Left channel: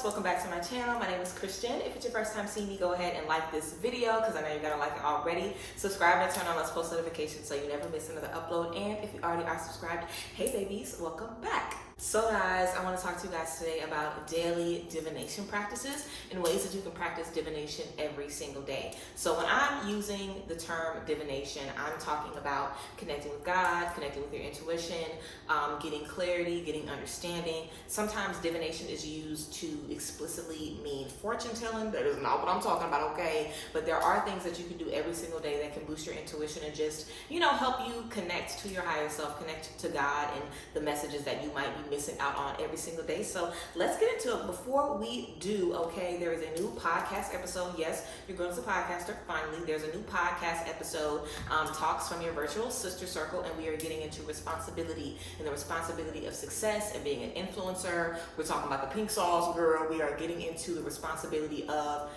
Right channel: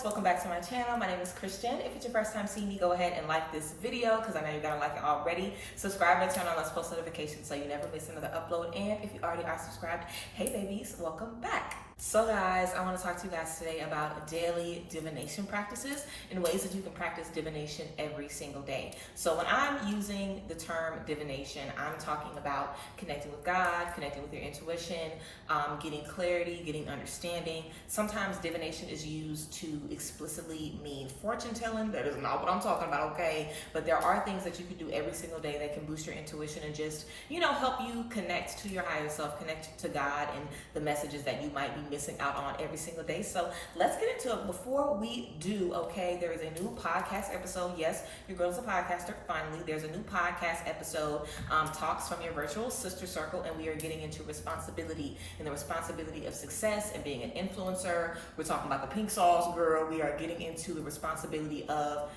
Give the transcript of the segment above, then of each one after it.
guys, welcome back to my channel. My name is Christian. If it's your first time seeing me, go ahead and like this video because I know you're gonna like it already. Subscribe and turn on those post notifications so you never miss another upload. And if you already are subscribed, hey babies, welcome back. So guys, I want to talk to you guys today about daily divination practices and ways that you can practice divination every single day. So when I'm using the term divination, I'm talking about connecting with God, connecting with your intuition, getting clarity, getting understanding. Sometimes divination is used to explicitly mean fortune telling. That is not what I'm talking about, okay? But there are things that you can do every single day that can boost your intuition and just, help you connect to your higher self, connect to God and the messages that you might be missing out on every single day. So let's get into it. Before we do, okay, there is a new podcast episode. Yes, your girl is a podcaster. Finally, there's a new podcast episode, Talks from Your Virtual Sister Circle, and we are getting into responsibility and the responsibility of success and being an influencer. We're talking about the pink sauce, girl. We are getting into the responsibility of,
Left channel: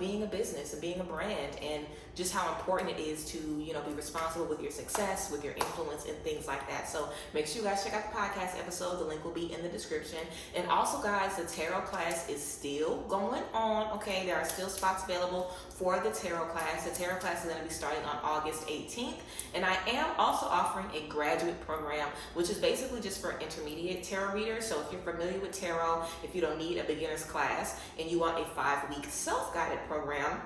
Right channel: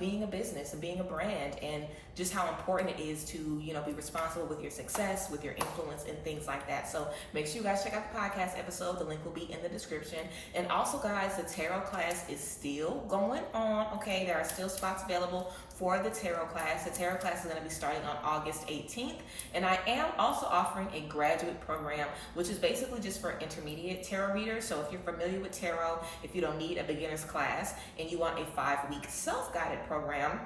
being a business and being a brand, and just how important it is to, be responsible with your success, with your influence and things like that. So make sure you guys check out the podcast episode. The link will be in the description. And also guys, the tarot class is still going on. Okay, there are still spots available for the tarot class. The tarot class is going to be starting on August 18th. And I am also offering a graduate program, which is basically just for intermediate tarot readers. So if you're familiar with tarot, if you don't need a beginner's class and you want a 5-week self-guided program,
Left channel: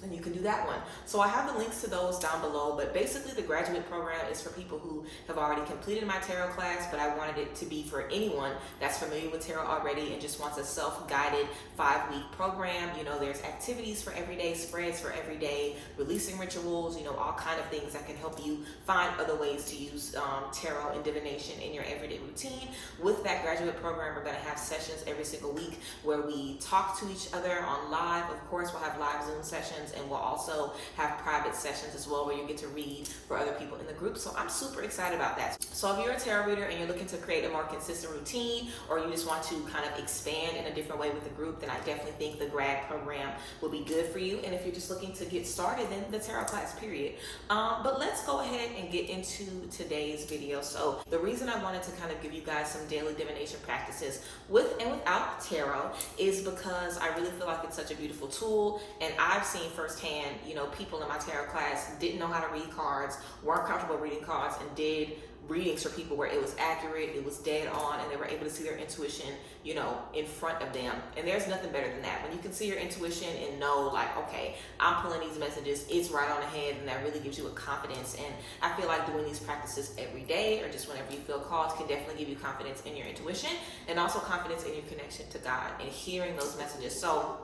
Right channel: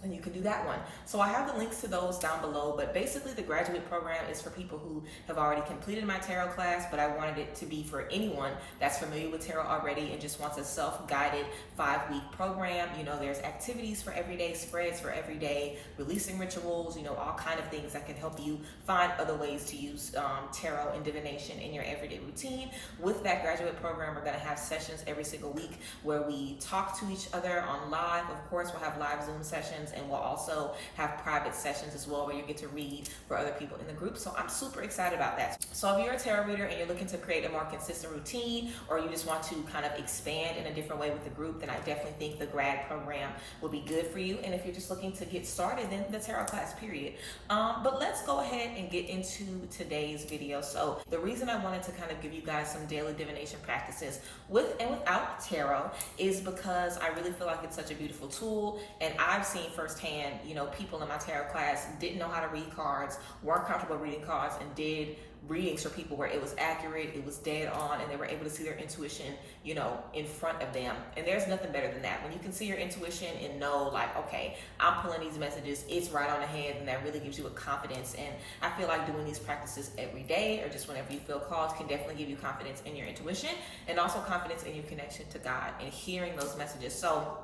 then you can do that one. So I have the links to those down below, but basically the graduate program is for people who have already completed my tarot class, but I wanted it to be for anyone that's familiar with tarot already and just wants a self-guided 5-week program. There's activities for every day, spreads for every day, releasing rituals, all kind of things that can help you find other ways to use tarot and divination in your everyday routine. With that graduate program, we're gonna have sessions every single week where we talk to each other on live. Of course, we'll have live Zoom sessions, and we'll also have private sessions as well where you get to read for other people in the group. So I'm super excited about that. So if you're a tarot reader and you're looking to create a more consistent routine, or you just want to kind of expand in a different way with the group, then I definitely think the grad program will be good for you. And if you're just looking to get started, then the tarot class, period. But let's go ahead and get into today's video. So the reason I wanted to kind of give you guys some daily divination practices with and without tarot is because I really feel like it's such a beautiful tool, and I've seen firsthand, people in my tarot class didn't know how to read cards, weren't comfortable reading cards, and did readings for people where it was accurate, it was dead on, and they were able to see their intuition, in front of them. And there's nothing better than that. When you can see your intuition and know, like, okay, I'm pulling these messages, it's right on the head, and that really gives you a confidence. And I feel like doing these practices every day or just whenever you feel called can definitely give you confidence in your intuition and also confidence in your connection to God and hearing those messages. So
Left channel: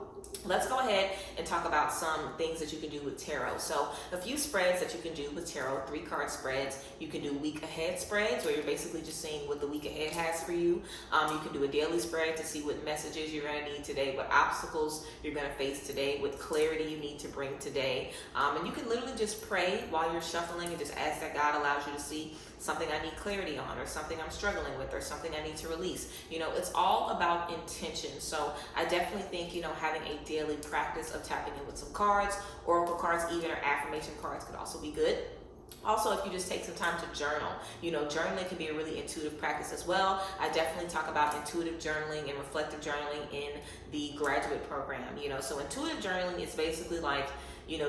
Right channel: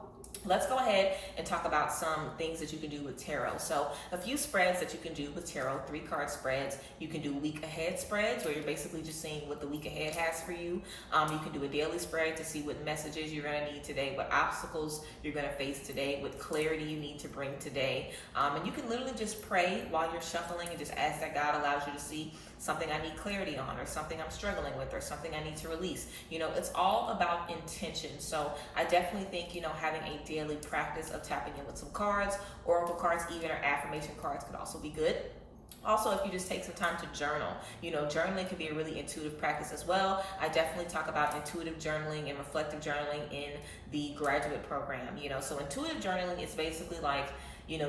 let's go ahead and talk about some things that you can do with tarot. So a few spreads that you can do with tarot, 3-card spreads. You can do week ahead spreads where you're basically just seeing what the week ahead has for you. You can do a daily spread to see what messages you're going to need today, what obstacles you're going to face today, what clarity you need to bring today. And you can literally just pray while you're shuffling and just ask that God allows you to see something I need clarity on, or something I'm struggling with, or something I need to release. It's all about intention. So I definitely think, having a daily practice of tapping in with some cards, oracle cards even, or affirmation cards could also be good. Also, if you just take some time to journal, journaling can be a really intuitive practice as well. I definitely talk about intuitive journaling and reflective journaling in the graduate program. So intuitive journaling is basically like,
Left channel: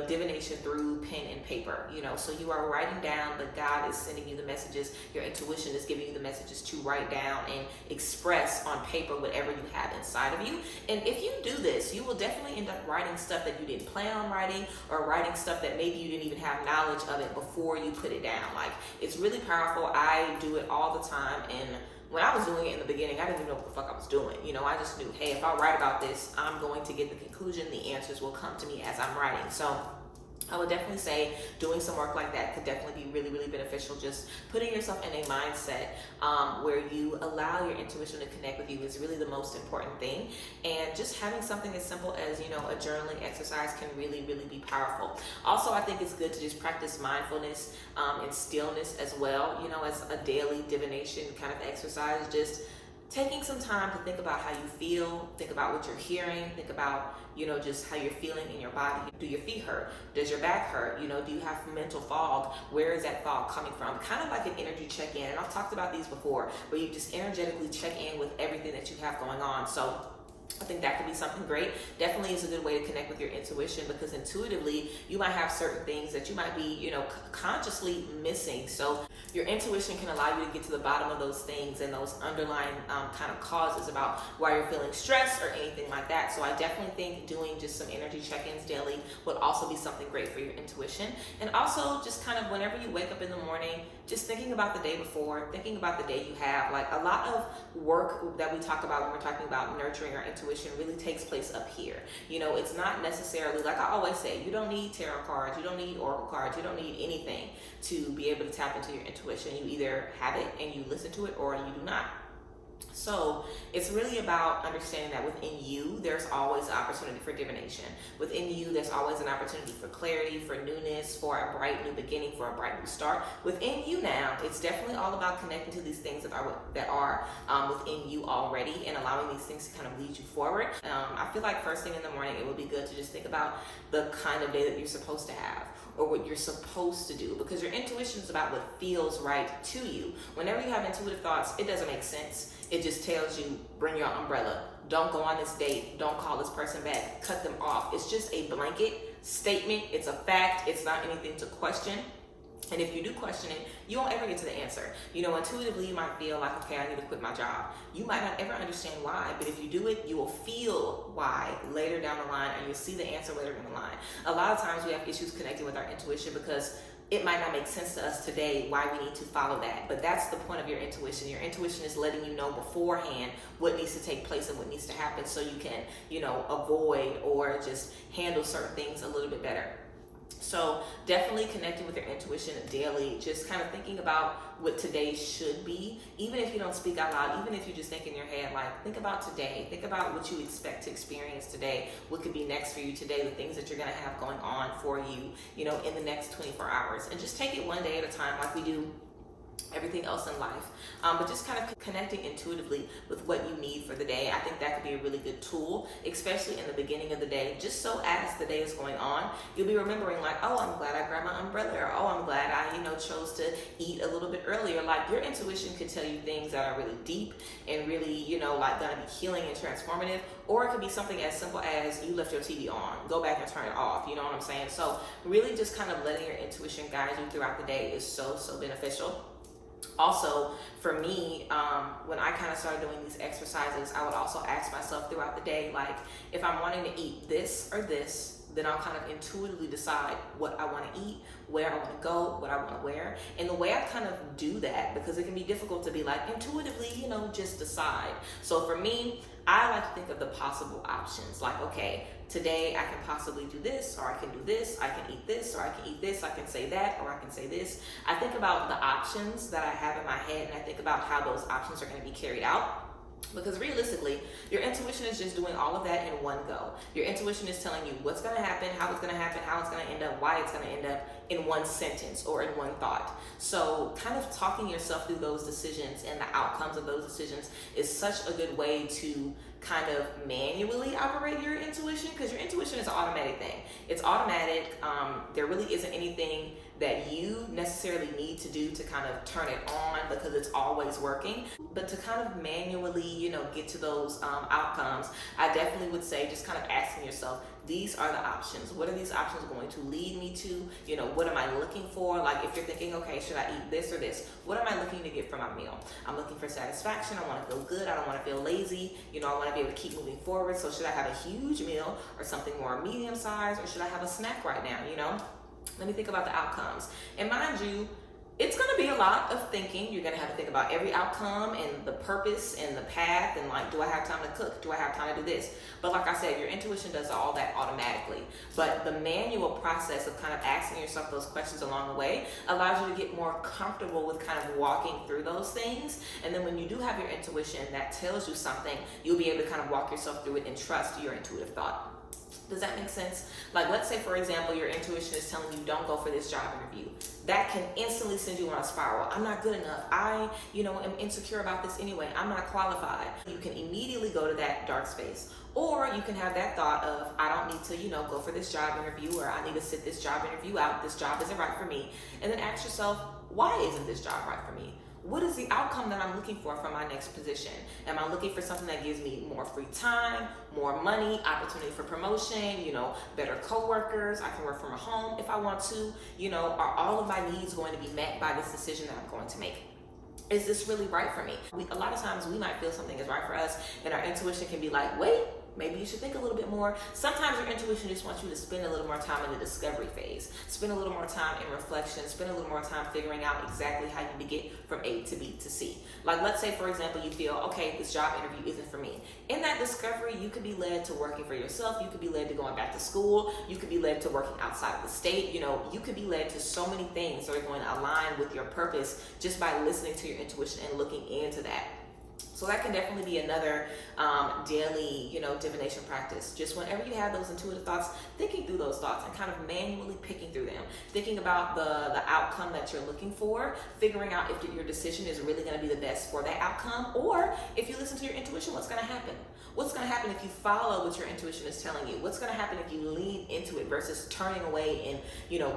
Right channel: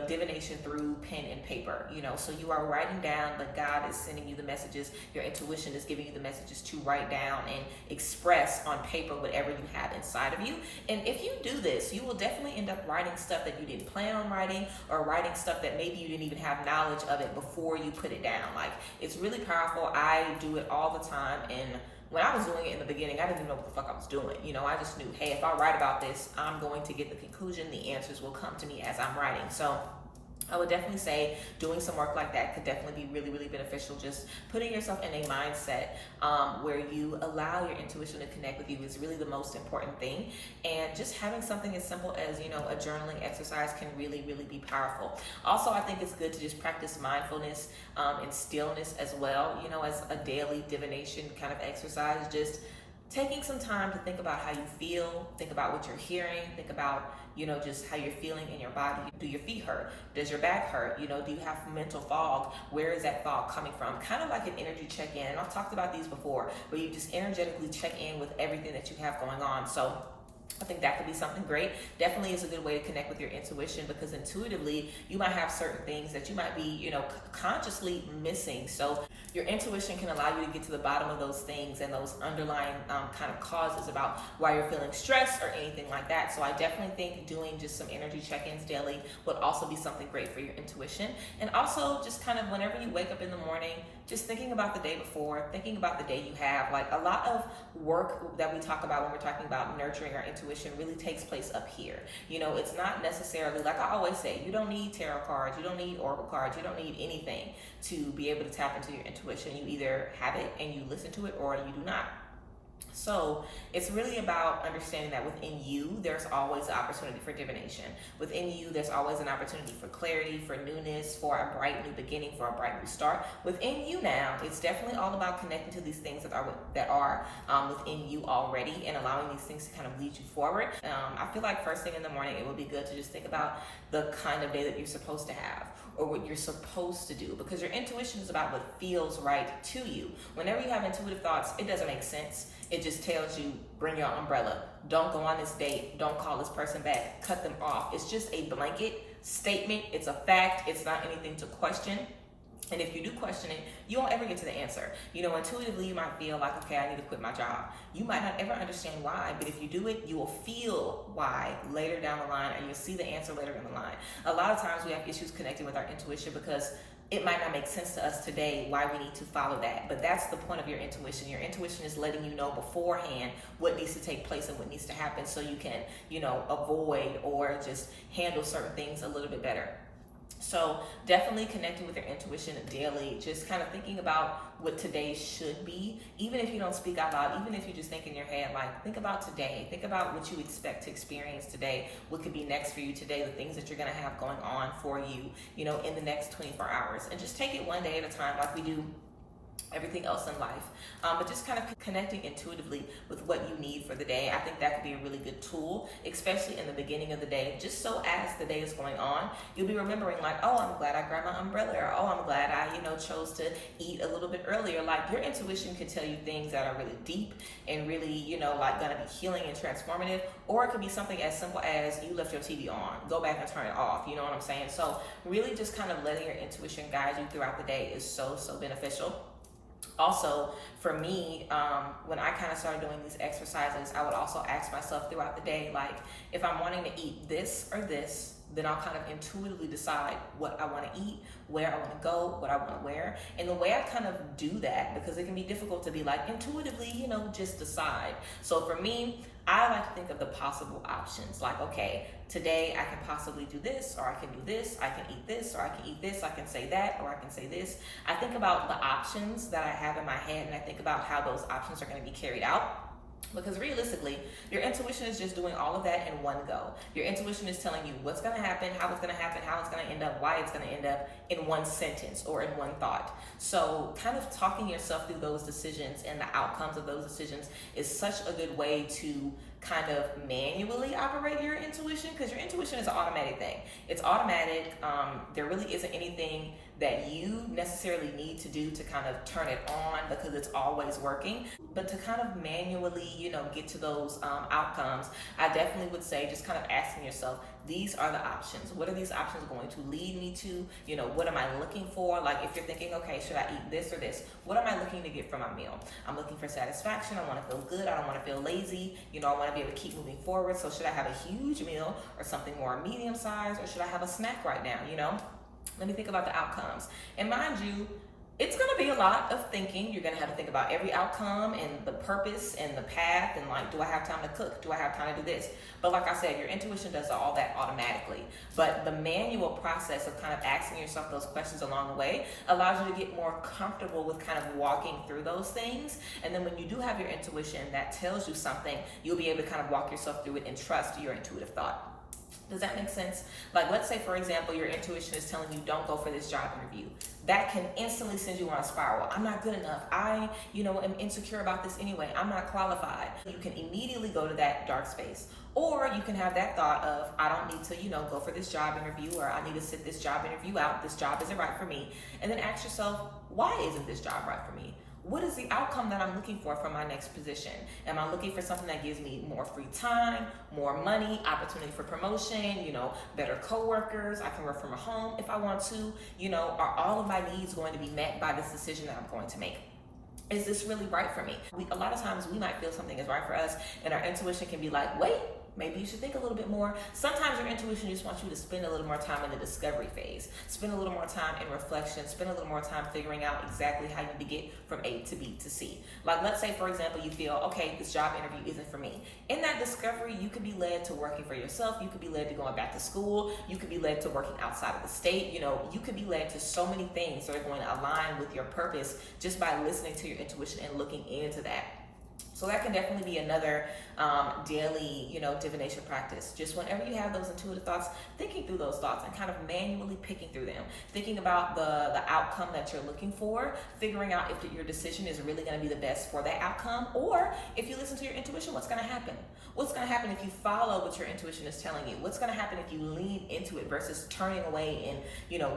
divination through pen and paper, so you are writing down, but God is sending you the messages. Your intuition is giving you the messages to write down and express on paper whatever you have inside of you. And if you do this, you will definitely end up writing stuff that you didn't plan on writing, or writing stuff that maybe you didn't even have knowledge of it before you put it down. Like, it's really powerful. I do it all the time, and when I was doing it in the beginning, I didn't even know what the fuck I was doing. I just knew, hey, if I write about this, I'm going to get the conclusion. The answers will come to me as I'm writing. So I would definitely say doing some work like that could definitely be really, really beneficial. Just putting yourself in a mindset where you allow your intuition to connect with you is really the most important thing. And just having something as simple as, a journaling exercise can really, really be powerful. Also, I think it's good to just practice mindfulness and stillness as well, as a daily divination kind of exercise. Just taking some time to think about how you feel, think about what you're hearing, think about, just how you're feeling in your body. Do your feet hurt? Does your back hurt? Do you have mental fog? Where is that fog coming from? Kind of like an energy check-in. And I've talked about these before, where you just energetically check in with everything that you have going on. So I think that could be something great. Definitely is a good way to connect with your intuition, because intuitively you might have certain things that you might be, consciously missing. So your intuition can allow you to get to the bottom of those things and those underlying kind of causes about why you're feeling stressed or anything like that. So I definitely think doing just some energy check-ins daily would also be something great for your intuition. And also just kind of whenever you wake up in the morning, just thinking about the day before, thinking about the day you have. Like, a lot of work that we talk about when we're talking about nurturing our intuition really takes place up here. It's not necessarily, like I always say, you don't need tarot cards, you don't need oracle cards, you don't need anything to be able to tap into your intuition. You either have it and you listen to it, or you do not. So it's really about understanding that within you, there's always an opportunity for divination. Within you, there's always an opportunity for clarity, for newness, for a bright new beginning, for a bright new start. Within you now, it's definitely all about connecting to these things that are within you already, and allowing these things to kind of lead you forward. I feel like first thing in the morning, it would be good to just think about the kind of day that you're supposed to have, or what you're supposed to do, because your intuition is about what feels right to you. Whenever you have intuitive thoughts, it doesn't make sense. It just tells you, bring your umbrella, don't go on this date, don't call this person back, cut them off. It's just a blanket statement. It's a fact. It's not anything to question. And if you do question it, you won't ever get to the answer. Intuitively, you might feel like, okay, I need to quit my job. You might not ever understand why, but if you do it, you will feel why later down the line, and you'll see the answer later down the line. A lot of times we have issues connecting with our intuition because it might not make sense to us today why we need to follow that. But that's the point of your intuition. Your intuition is letting you know beforehand what needs to take place and what needs to happen, so you can, avoid or just handle certain things a little bit better. So definitely connecting with your intuition daily, just kind of thinking about what today should be, even if you don't speak out loud, even if you just think in your head, like, think about today, think about what you expect to experience today, what could be next for you today, the things that you're going to have going on for you, in the next 24 hours, and just take it one day at a time, like we do everything else in life. But just kind of connecting intuitively with what you need for the day. I think that could be a really good tool, especially in the beginning of the day. Just so as the day is going on, you'll be remembering, like, oh, I'm glad I grabbed my umbrella, or oh, I'm glad I, chose to eat a little bit earlier. Like, your intuition could tell you things that are really deep and really, like, gonna be healing and transformative. Or it could be something as simple as you left your TV on, go back and turn it off. You know what I'm saying? So really just kind of letting your intuition guide you throughout the day is so beneficial. Also, for me, when I kind of started doing these exercises, I would also ask myself throughout the day, like, if I'm wanting to eat this or this, then I'll kind of intuitively decide what I want to eat, where I want to go, what I want to wear. And the way I kind of do that, because it can be difficult to be like intuitively, just decide. So for me, I like to think of the possible options. Like, okay, today I can possibly do this, or I can do this, I can eat this, or I can eat this, I can say that, or I can say this. I think about the options that I have in my head, and I think about how those options are going to be carried out. Because realistically, your intuition is just doing all of that in one go. Your intuition is telling you what's going to happen, how it's going to happen, how it's going to end up, why it's going to end up in one sentence or in one thought. So kind of talking yourself through those decisions and the outcomes of those decisions is such a good way to kind of manually operate your intuition, because your intuition is an automatic thing. It's automatic. There really isn't anything that you necessarily need to do to kind of turn it on, because it's always working. But to kind of manually, get to those outcomes, I definitely would say just kind of asking yourself, these are the options. What are these options going to lead me to? What am I looking for? Like, if you're thinking, okay, should I eat this or this? What am I looking to get from my meal? I'm looking for satisfaction. I want to feel good. I don't want to feel lazy. I want to be able to keep moving forward. So should I have a huge meal or something more medium sized, or should I have a snack right now? Let me think about the outcomes. And mind you, it's going to be a lot of thinking. You're going to have to think about every outcome and the purpose and the path, and like, do I have time to cook? Do I have time to do this? But like I said, your intuition does all that automatically. But the manual process of kind of asking yourself those questions along the way allows you to get more comfortable with kind of walking through those things. And then when you do have your intuition that tells you something, you'll be able to kind of walk yourself through it and trust your intuitive thought. Does that make sense? Like, let's say, for example, your intuition is telling you don't go for this job interview. That can instantly send you on a spiral. I'm not good enough. I, am insecure about this anyway. I'm not qualified. You can immediately go to that dark space. Or you can have that thought of, I don't need to, go for this job interview, or I need to sit this job interview out. This job isn't right for me. And then ask yourself, why isn't this job right for me? what is the outcome that I'm looking for from my next position? Am I looking for something that gives me more free time, more money, opportunity for promotion, better coworkers? I can work from home if I want to. Are all of my needs going to be met by this decision that I'm going to make? Is this really right for me? A lot of times we might feel something is right for us, and our intuition can be like, wait, maybe you should think a little bit more. Sometimes your intuition just wants you to spend a little more time in the discovery phase, spend a little more time in reflection, spend a little more time figuring out exactly how you can get from A to B to C. Like, let's say, for example, you feel, okay, this job interview isn't for me. In that discovery, you could be led to working for yourself. You could be led to going back to school. You could be led to working outside of the state. You could be led to so many things that are going to align with your purpose just by listening to your intuition and looking into that. So that can definitely be another daily, divination practice. Just whenever you have those intuitive thoughts, thinking through those thoughts and kind of manually picking through them, thinking about the outcome that you're looking for, figuring out if your decision is really going to be the best for that outcome, or if you listen to your intuition, what's going to happen? What's going to happen if you follow what your intuition is telling you? What's going to happen if you lean into it versus turning away and,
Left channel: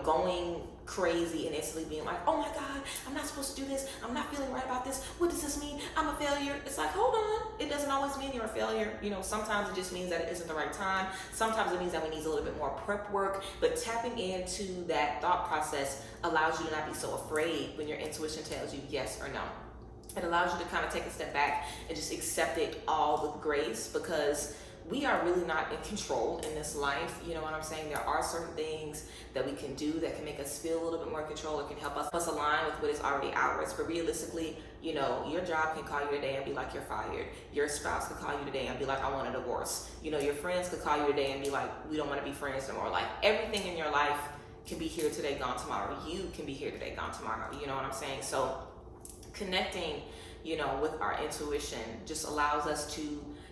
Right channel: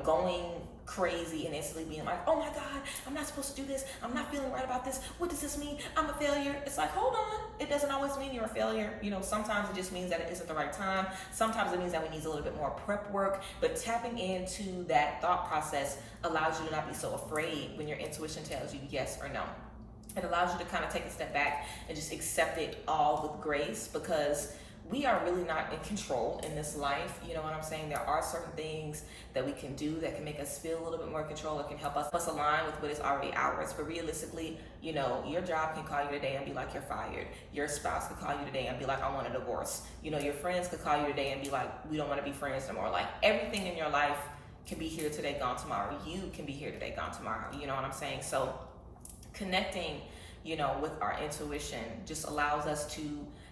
going crazy and instantly being like, oh my God, I'm not supposed to do this. I'm not feeling right about this. What does this mean? I'm a failure. It's like, hold on. It doesn't always mean you're a failure. Sometimes it just means that it isn't the right time. Sometimes it means that we need a little bit more prep work, but tapping into that thought process allows you to not be so afraid when your intuition tells you yes or no. It allows you to kind of take a step back and just accept it all with grace, because we are really not in control in this life. You know what I'm saying? There are certain things that we can do that can make us feel a little bit more control, or can help us align with what is already ours. But realistically, your job can call you today and be like, you're fired. Your spouse can call you today and be like, I want a divorce. Your friends could call you today and be like, we don't want to be friends anymore. Like, everything in your life can be here today, gone tomorrow. You can be here today, gone tomorrow. You know what I'm saying? So connecting, with our intuition just allows us to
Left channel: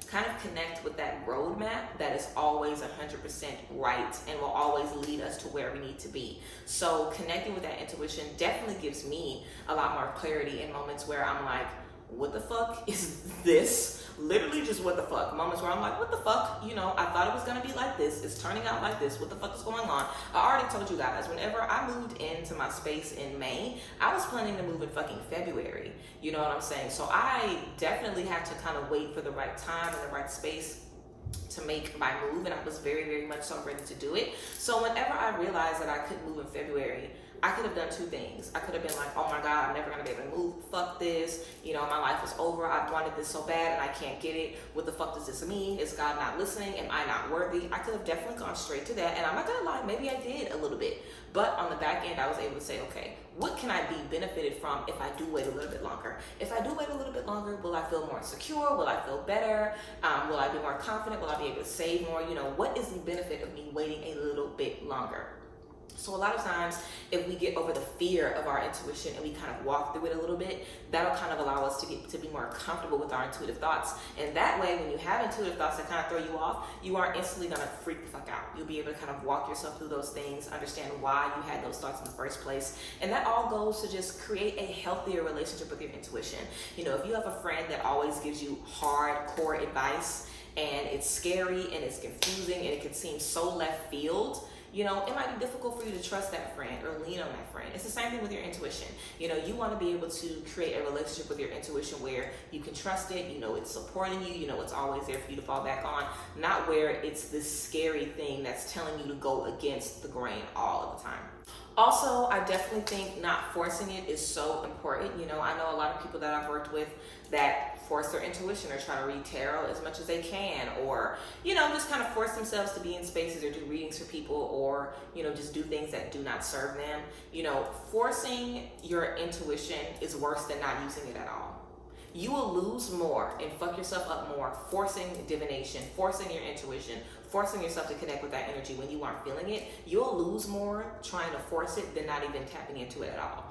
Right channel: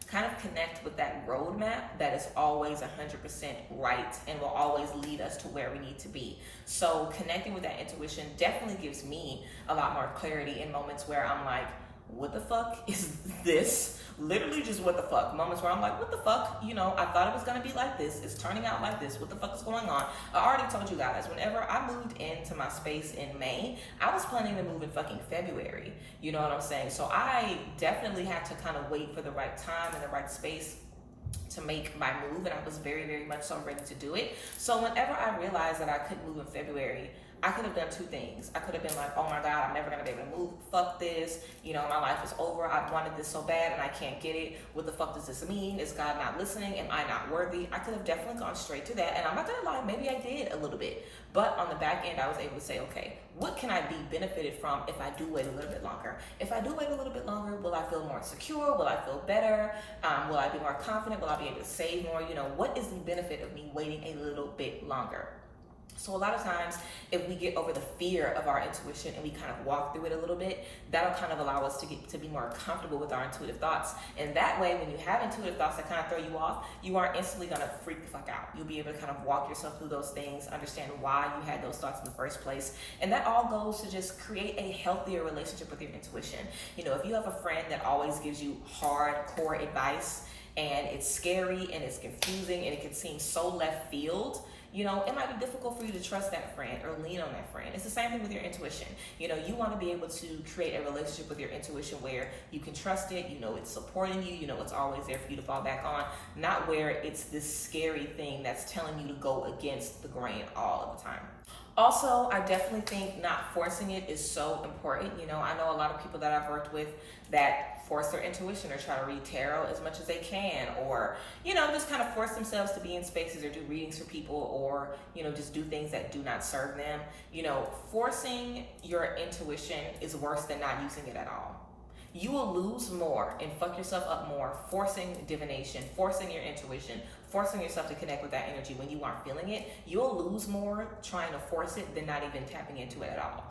kind of connect with that roadmap that is always 100% right and will always lead us to where we need to be. So connecting with that intuition definitely gives me a lot more clarity in moments where I'm like, what the fuck is this? Literally just what the fuck. Moments where I'm like, what the fuck? I thought it was gonna be like this. It's turning out like this. What the fuck is going on? I already told you guys, whenever I moved into my space in May, I was planning to move in fucking February. You know what I'm saying? So I definitely had to kind of wait for the right time and the right space to make my move, and I was very, very much so ready to do it. So whenever I realized that I couldn't move in February, I could have done two things. I could have been like, oh my God, I'm never gonna be able to move. Fuck this. My life is over. I wanted this so bad and I can't get it. What the fuck does this mean? Is God not listening? Am I not worthy? I could have definitely gone straight to that. And I'm not gonna lie, maybe I did a little bit. But on the back end, I was able to say, okay, what can I be benefited from if I do wait a little bit longer? If I do wait a little bit longer, will I feel more secure? Will I feel better? Will I be more confident? Will I be able to save more? What is the benefit of me waiting a little bit longer? So a lot of times, if we get over the fear of our intuition and we kind of walk through it a little bit, that'll kind of allow us to be more comfortable with our intuitive thoughts. And that way, when you have intuitive thoughts that kind of throw you off, you aren't instantly gonna freak the fuck out. You'll be able to kind of walk yourself through those things, understand why you had those thoughts in the first place. And that all goes to just create a healthier relationship with your intuition. If you have a friend that always gives you hardcore advice, and it's scary and it's confusing and it can seem so left field, it might be difficult for you to trust that friend or lean on that friend. It's the same thing with your intuition. You want to be able to create a relationship with your intuition where you can trust it, it's supporting you, it's always there for you to fall back on, not where it's this scary thing that's telling you to go against the grain all of the time. Also, I definitely think not forcing it is so important. I know a lot of people that I've worked with that force their intuition or try to read tarot as much as they can, or, just kind of force themselves to be in spaces or do readings for people, or, just do things that do not serve them. Forcing your intuition is worse than not using it at all. You will lose more and fuck yourself up more forcing divination, forcing your intuition, forcing yourself to connect with that energy when you aren't feeling it. You'll lose more trying to force it than not even tapping into it at all.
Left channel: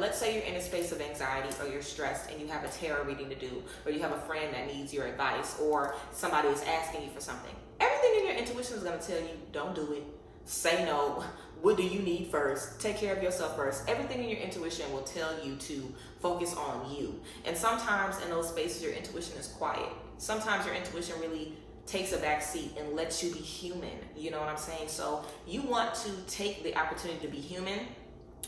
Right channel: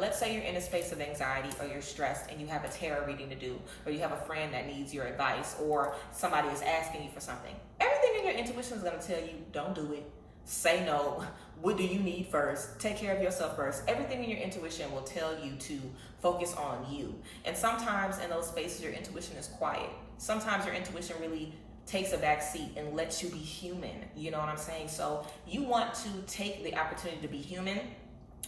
Let's say you're in a space of anxiety or you're stressed and you have a tarot reading to do, or you have a friend that needs your advice, or somebody is asking you for something. Everything in your intuition is going to tell you, don't do it. Say no. What do you need first? Take care of yourself first. Everything in your intuition will tell you to focus on you. And sometimes in those spaces, your intuition is quiet. Sometimes your intuition really takes a back seat and lets you be human. You know what I'm saying? So you want to take the opportunity to be human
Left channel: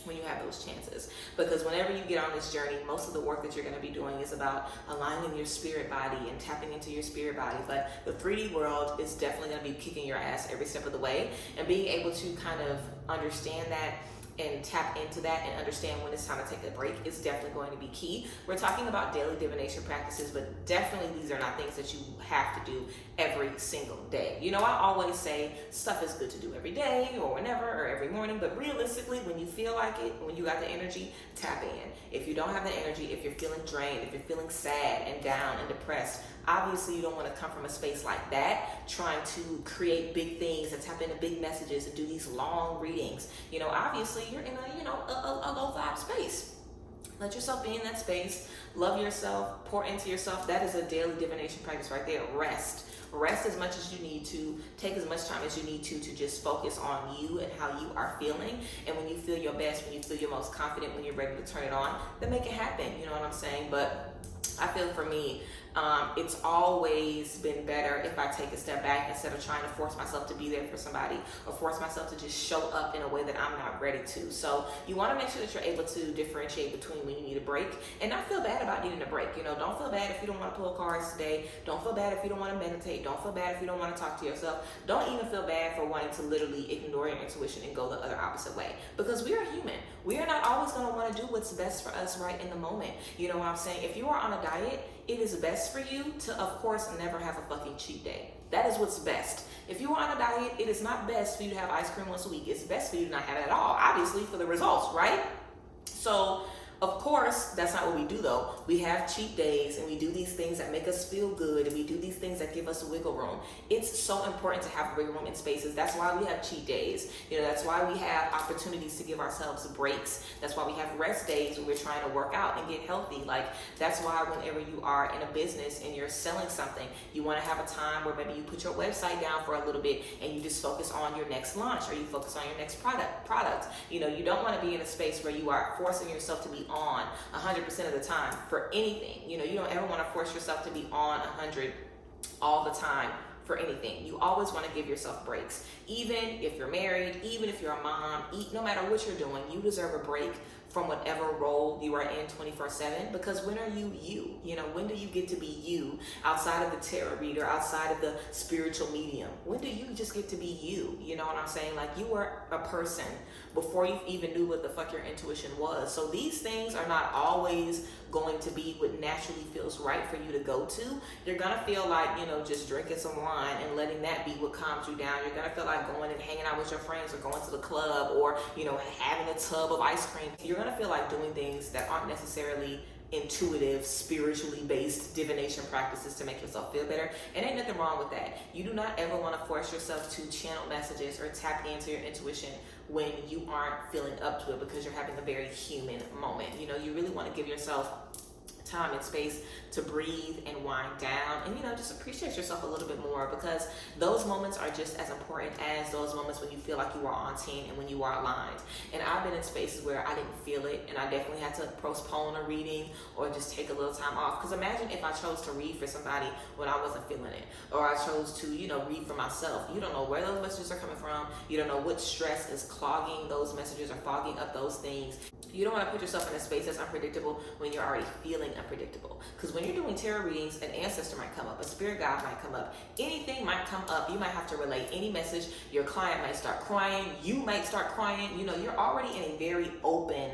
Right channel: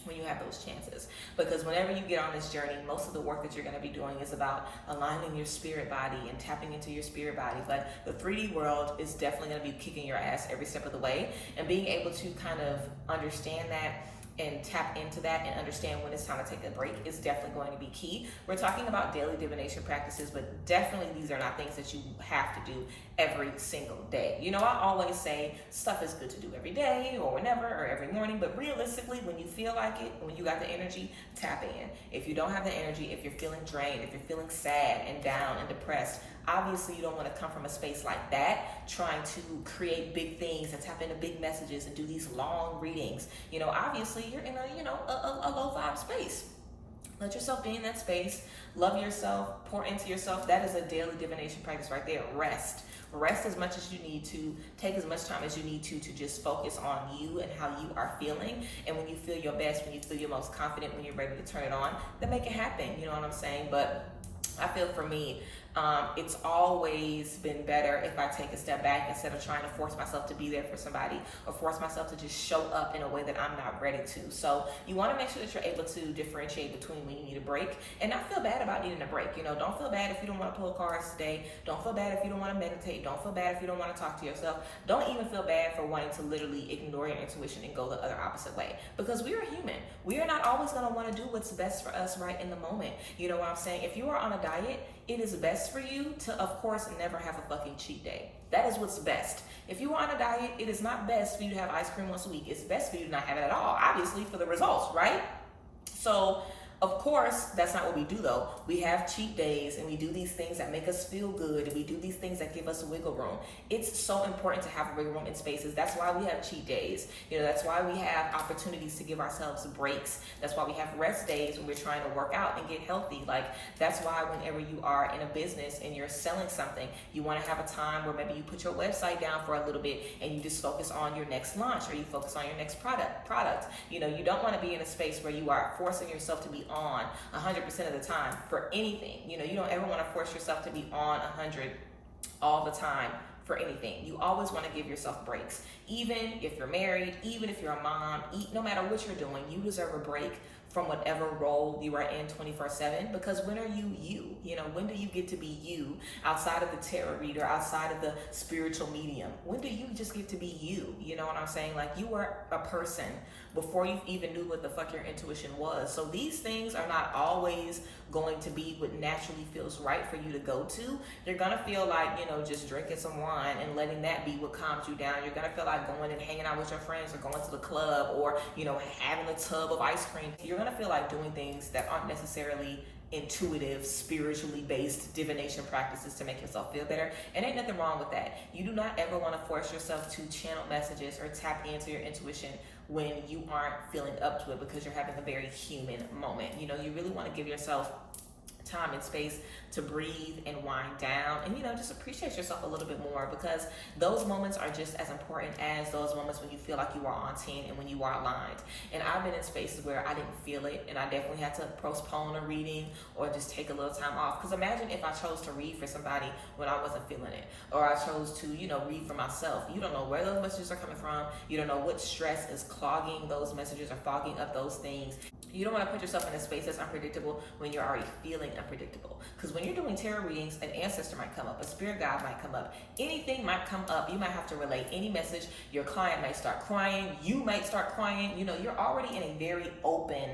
when you have those chances. Because whenever you get on this journey, most of the work that you're going to be doing is about aligning your spirit body and tapping into your spirit body. But the 3D world is definitely going to be kicking your ass every step of the way, and being able to kind of understand that and tap into that and understand when it's time to take a break is definitely going to be key. We're talking about daily divination practices, but definitely these are not things that you have to do every single day. You know, I always say stuff is good to do every day or whenever or every morning, but realistically, when you feel like it, when you got the energy, tap in. If you don't have the energy, if you're feeling drained, if you're feeling sad and down and depressed, obviously you don't want to come from a space like that, trying to create big things and tap into big messages and do these long readings. You know, obviously you're in a low vibe space. Let yourself be in that space. Love yourself, pour into yourself. That is a daily divination practice right there. Rest as much as you need to. Take as much time as you need to just focus on you and how you are feeling. And when you feel your best, when you feel your most confident, when you're ready to turn it on, then make it happen. You know what I'm saying? But I feel for me, it's always been better if I take a step back instead of trying to force myself to be there for somebody or force myself to just show up in a way that I'm not ready to. So you want to make sure that you're able to differentiate between when you need a break and not feel bad about needing a break. You know, don't feel bad if you don't want to pull cards today. Don't feel bad if you don't want to meditate. Don't feel bad if you don't want to talk to yourself. Don't even feel bad for wanting to literally ignore your intuition and go the other opposite way, because we are human. We are not always going to want to do what's best for us right in the moment. You know what I'm saying? If you are on a diet, it is best for you to, of course, never have a fucking cheat day. That is what's best. If you are on a diet, it is not best for you to have ice cream once a week. It's best for you to not have it at all, obviously, for the results, right? So, of course, that's not what we do though. We have cheat days and we do these things that make us feel good and we do these things that give us wiggle room. It's so important to have wiggle room in spaces. That's why we have cheat days. You know, that's why we have opportunities to give ourselves breaks. That's why we have rest days when we're trying to work out and get healthy. Like, that's why whenever you are in a business and you're selling something, you want to have a time where maybe you put your website down for a little bit and you just focus on your next launch or you focus on your next product. You know, you don't want to be in a space where you are forcing yourself to be on 100% of the time for anything. You know, you don't ever want to force yourself to be on 100 all the time for anything. You always want to give yourself breaks. Even if you're married, even if you're a mom, no matter what you're doing, you deserve a break from whatever role you are in 24/7, because when are you? You know, when do you get to be you outside of the tarot reader, outside of the spiritual medium? When do you just get to be you? You know what I'm saying? Like, you were a person before you even knew what the fuck your intuition was. So these things are not always going to be what naturally feels right for you to go to. You're gonna feel like, you know, just drinking some wine and letting that be what calms you down. You're gonna feel like going and hanging out with your friends or going to the club or, you know, having a tub of ice cream. You're gonna feel like doing things that aren't necessarily intuitive, spiritually based divination practices to make yourself feel better. And ain't nothing wrong with that. You do not ever want to force yourself to channel messages or tap into your intuition when you aren't feeling up to it, because you're having a very human moment. You know, you really want to give yourself time and space to breathe and wind down and, you know, just appreciate yourself a little bit more, because those moments are just as important as those moments when you feel like you are on 10 and when you are aligned. And I've been in spaces where I didn't feel it and I definitely had to postpone a reading or just take a little time off. Because imagine if I chose to read for somebody when I wasn't feeling it, or I chose to, you know, read for myself. You don't know where those messages are coming from. You don't know what stress is clogging those messages or fogging up those things. You don't want to put yourself in a space that's unpredictable when you're already feeling unpredictable. Because when you're doing tarot readings, an ancestor might come up, a spirit guide might come up, anything might come up. You might have to relay any message. Your client might start crying. You might start crying. You know, you're already in a very open,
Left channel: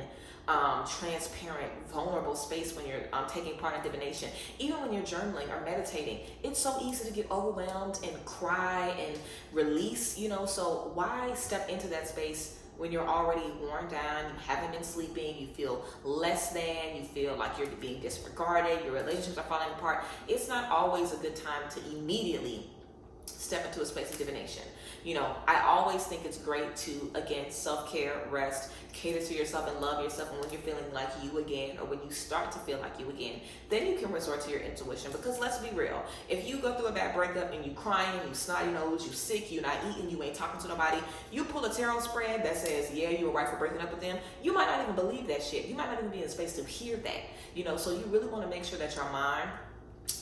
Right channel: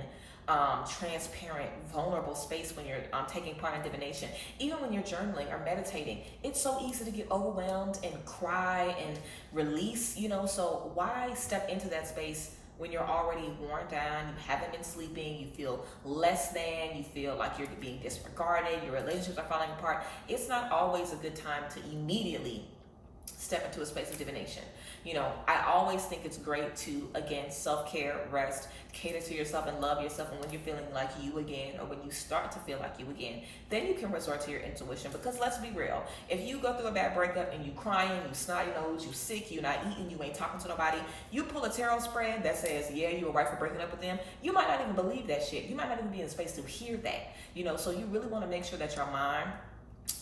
transparent, vulnerable space when you're taking part in divination. Even when you're journaling or meditating, it's so easy to get overwhelmed and cry and release, you know. So why step into that space when you're already worn down, you haven't been sleeping, you feel less than, you feel like you're being disregarded, your relationships are falling apart? It's not always a good time to immediately step into a space of divination. You know, I always think it's great to, again, self-care, rest, cater to yourself and love yourself. And when you're feeling like you again, or when you start to feel like you again, then you can resort to your intuition. Because let's be real, if you go through a bad breakup and you crying, you snotty nose, you sick, you not eating, you ain't talking to nobody, you pull a tarot spread that says, yeah, you were right for breaking up with them, you might not even believe that shit. You might not even be in a space to hear that, you know. So you really want to make sure that your mind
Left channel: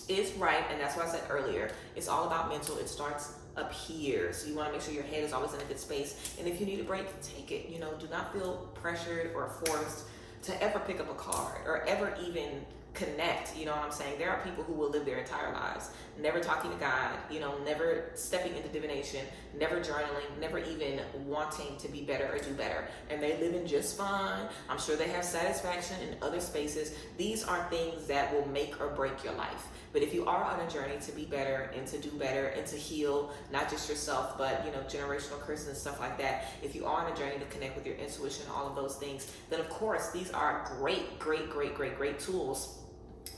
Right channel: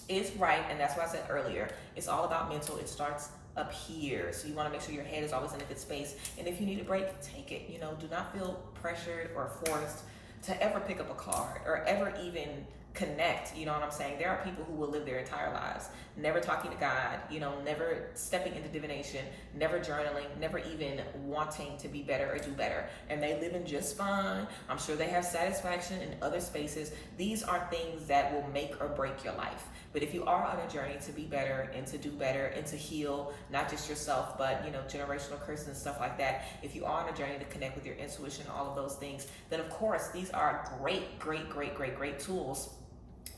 is right, and that's what I said earlier. It's all about mental. It starts up here, so you want to make sure your head is always in a good space, and if you need a break, take it. You know, do not feel pressured or forced to ever pick up a card or ever even connect. You know what I'm saying? There are people who will live their entire lives never talking to God, you know, never stepping into divination, never journaling, never even wanting to be better or do better, and they live in just fine. I'm sure they have satisfaction in other spaces. These are things that will make or break your life. But if you are on a journey to be better and to do better and to heal, not just yourself, but, you know, generational curses and stuff like that, if you are on a journey to connect with your intuition, all of those things, then of course these are great tools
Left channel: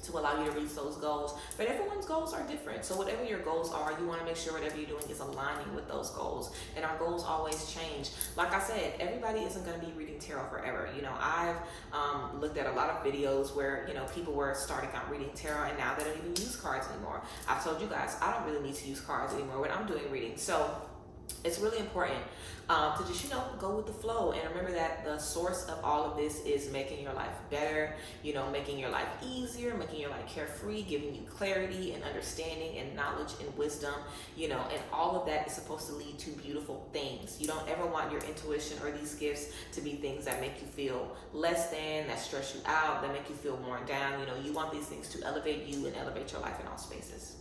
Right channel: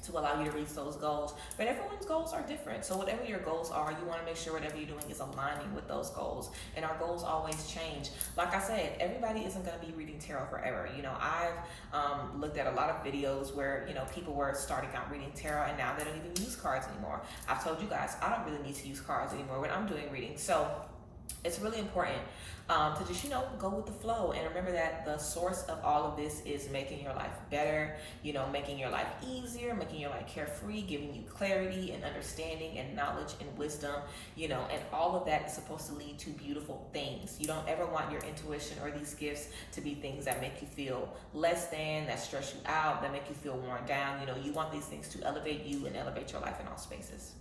to allow you to reach those goals. But everyone's goals are different. So whatever your goals are, you want to make sure whatever you're doing is aligning with those goals. And our goals always change. Like I said, everybody isn't going to be reading tarot forever. You know, I've looked at a lot of videos where, you know, people were starting out reading tarot and now they don't even use cards anymore. I've told you guys, I don't really need to use cards anymore when I'm doing readings. So it's really important to just, you know, go with the flow, and remember that the source of all of this is making your life better, you know, making your life easier, making your life carefree, giving you clarity and understanding and knowledge and wisdom, you know, and all of that is supposed to lead to beautiful things. You don't ever want your intuition or these gifts to be things that make you feel less than, that stress you out, that make you feel worn down. You know, you want these things to elevate you and elevate your life in all spaces.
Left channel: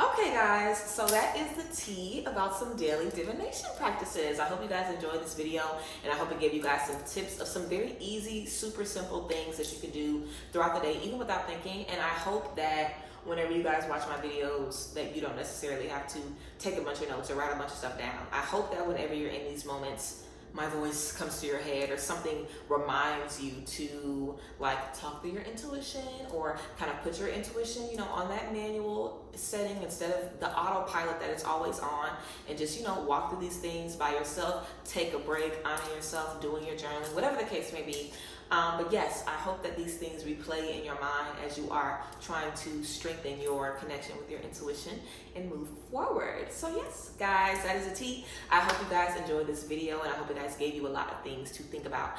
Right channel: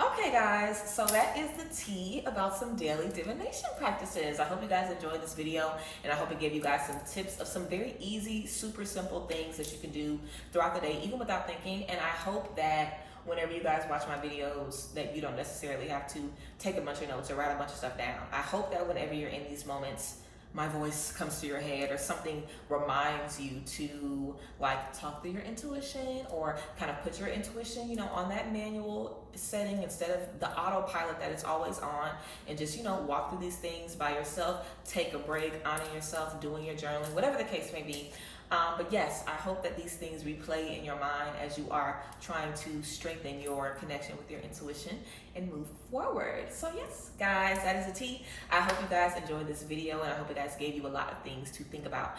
Okay guys, so that is the tea about some daily divination practices. I hope you guys enjoyed this video, and I hope it gave you guys some tips of some very easy, super simple things that you can do throughout the day, even without thinking. And I hope that whenever you guys watch my videos that you don't necessarily have to take a bunch of notes or write a bunch of stuff down. I hope that whenever you're in these moments, my voice comes to your head or something reminds you to like talk through your intuition, or kind of put your intuition, you know, on that manual setting instead of the autopilot that it's always on, and just, you know, walk through these things by yourself, take a break, honor yourself, doing your journaling, whatever the case may be. But yes, I hope that these things replay in your mind as you are trying to strengthen your connection with your intuition and move forward. So yes, guys, that is a tea. I hope you guys enjoyed this video, and I hope it guys gave you a lot of things to think about.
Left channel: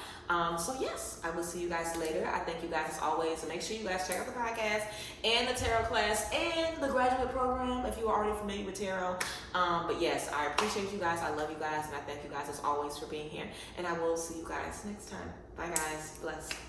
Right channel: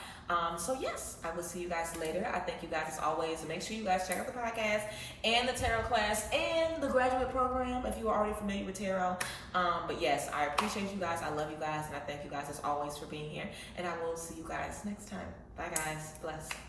So yes, I will see you guys later. I thank you guys as always. Make sure you guys check out the podcast and the tarot class and the graduate program if you are already familiar with tarot. But yes, I appreciate you guys. I love you guys, and I thank you guys as always for being here. And I will see you guys next time. Bye guys. Bless.